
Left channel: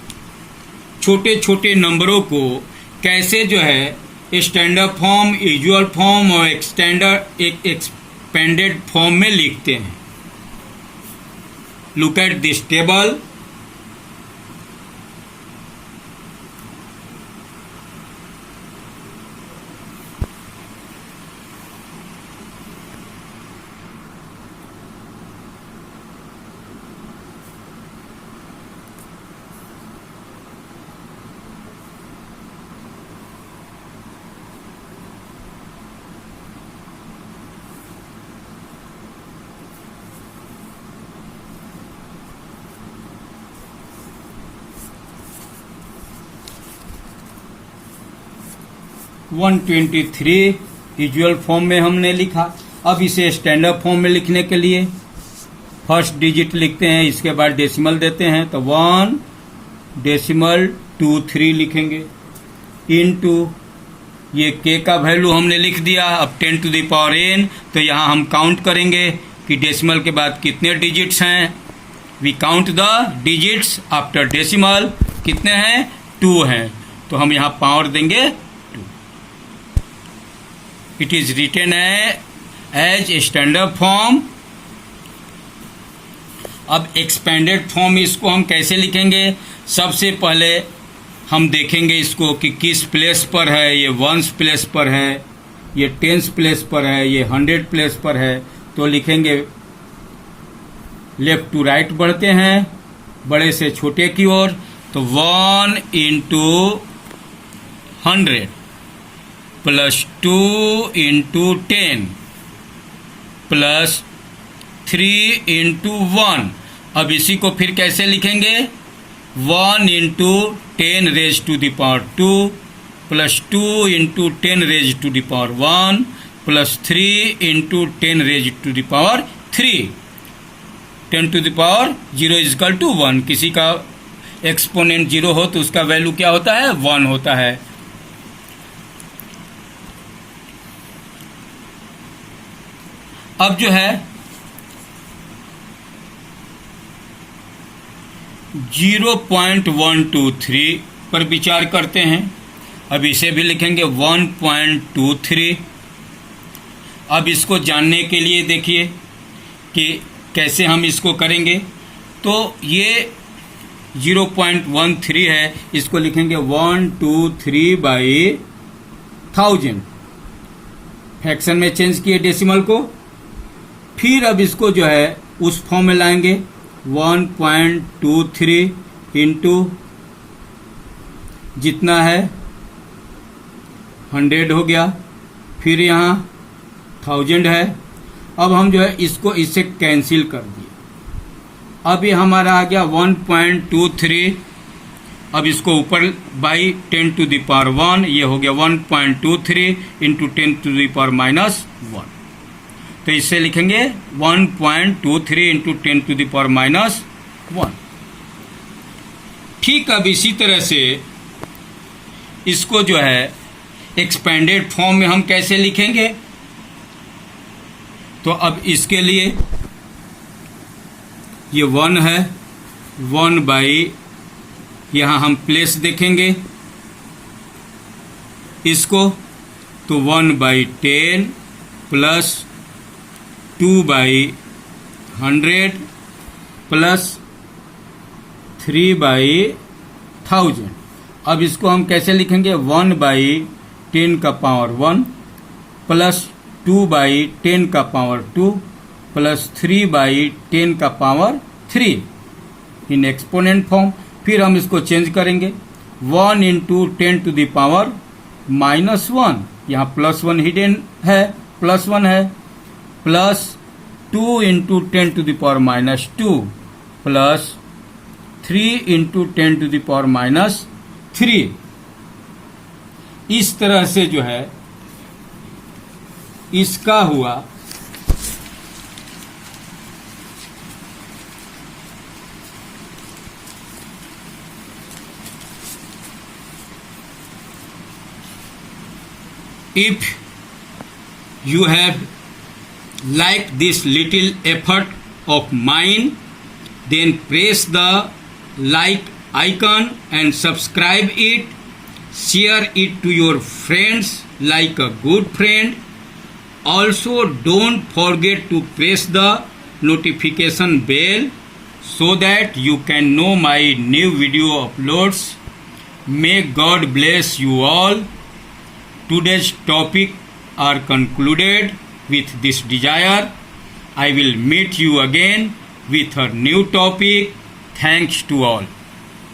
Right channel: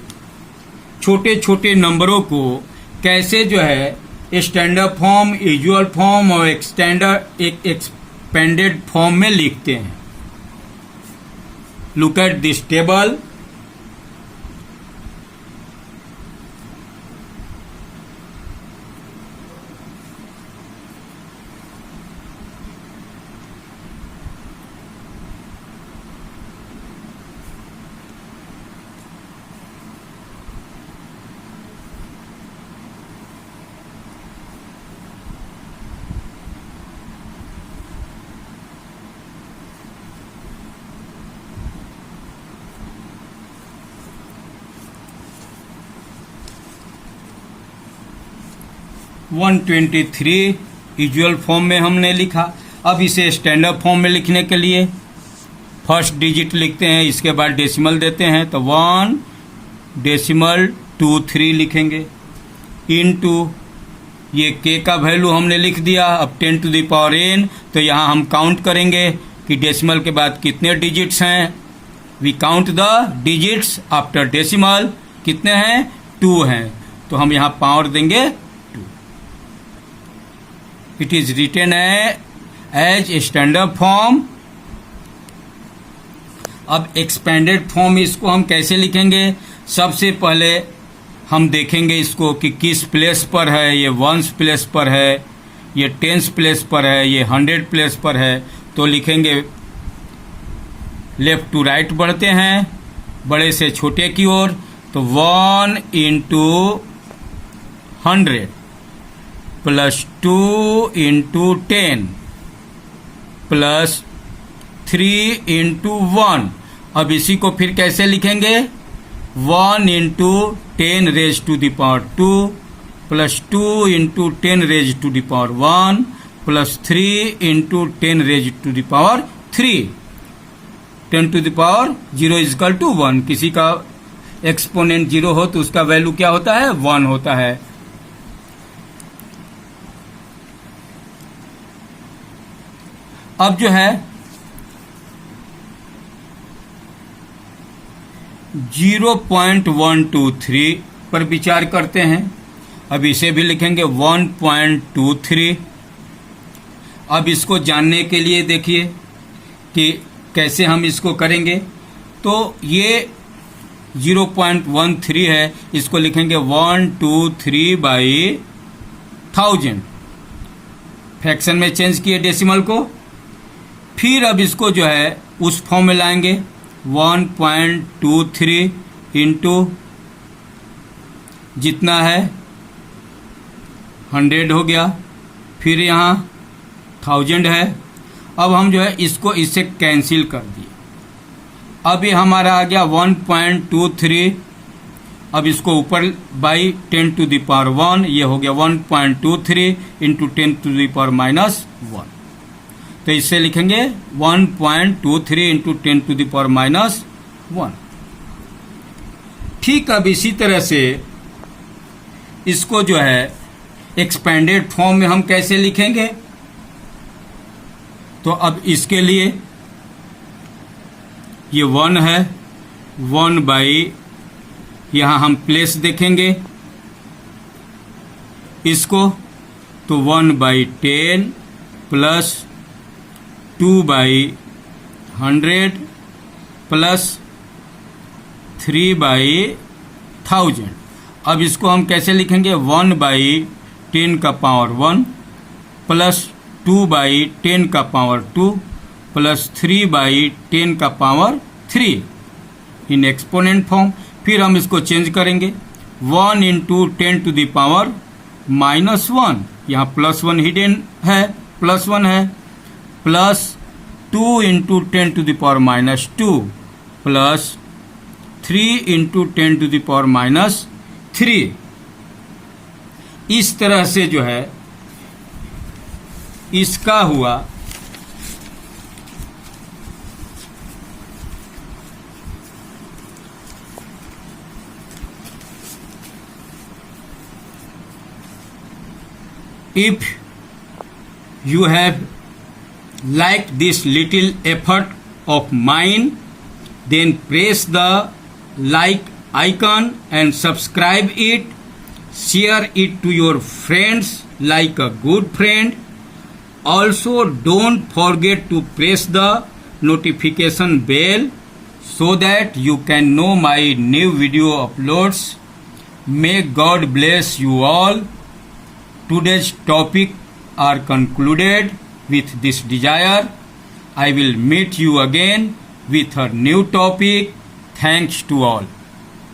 छोटे छोटे नंबरों को कैसे जो है स्टैंडर्ड फॉर्म, यूजुअल फॉर्म और एक्सपेंडेड फॉर्म में लिखते हैं। Look at this table. One 123 usual form में हमने लिखा। अब इसे स्टैंडर्ड फॉर्म में लिखने के लिए फर्स्ट डिजिट लिखते हैं, इसके बाद डेसिमल देते हैं, तो 1.23 लिखेंगे इनटू ये k का वैल्यू हमने लिख दिया। अब 10 टू द पावर n, तो यहाँ हम काउंट करेंगे कि डेसिमल के बाद कितने डिजिट्स हैं। We count the digits after decimal, कितने हैं, 2 हैं, तो हम यहाँ पावर देंगे 2। It is written as standard form. अब एक्सपेंडेड फॉर्म इसको हम कैसे लिखेंगे, सबसे पहले हम देखेंगे इसको कि किस प्लेस पर है। ये 1s प्लेस पर है, ये 10s प्लेस पर है, ये 100 प्लेस पर है। तो लिखेंगे लेफ्ट टू राइट बढ़ते हैं, बड़े से छोटे की ओर। तो 1 into 100 plus 2 into 10 plus 3 into 1। अब इसी को फिर कैसे लिखेंगे, 1 into 10 raise to the power 2 plus 2 into 10 raise to the power 1 plus 3 into 10 raise to the power 3। 10 to the power 0 is equal to 1। किसी का एक्सपोनेंट 0 हो तो उसका वैल्यू क्या होता है, 1 होता है। अब जो है 0.123 पर विचार करते हैं। अब इसे भी लिखेंगे 1.23। अब इसको जानने के लिए देखिए कि कैसे हम इसको करेंगे। तो ये 0.13 है, इसको लिखेंगे 123/1000। फ्रैक्शन में चेंज किए डेसिमल को। फिर अब इसको जो है उस फॉर्म में लाएंगे 1.23 इंटू जितना है 100 हो गया, फिर यहाँ 1000 है। अब हम जो है इसको इससे कैंसिल कर दिए। अब ये हमारा आ गया 1.23। अब इसको ऊपर बाई 10⁻1, ये हो गया 1.23 इंटू 10⁻⁻1। तो इससे लिखेंगे 1.23 इंटू 10⁻⁻1। ठीक, अब इसी तरह से इसको जो है एक्सपेंडेड फॉर्म में हम कैसे लिखेंगे। तो अब इसके लिए ये 1 है, 1 बाई, यहां हम प्लेस देखेंगे इसको, तो 1/10 प्लस 2/100 प्लस 3/1000। अब इसको हम कैसे लिखेंगे 1/10⁻1 प्लस 2/10⁻2 प्लस 3/10⁻3 इन एक्सपोनेंट फॉर्म। फिर हम इसको चेंज करेंगे 1 इंटू 10⁻⁻1, यहाँ +1 हिडन है, +1 है, प्लस 2 इंटू 10⁻2 प्लस 3 इंटू 10⁻3। इस तरह से जो है इसका हुआ If you have liked this little effort of mine, then press the like icon and subscribe it. Share it to your friends like a good friend. Also, don't forget to press the notification bell so that you can know my new video uploads. May God bless you all. Today's topic are concluded with this desire. I will meet you again with a new topic. Thanks to all.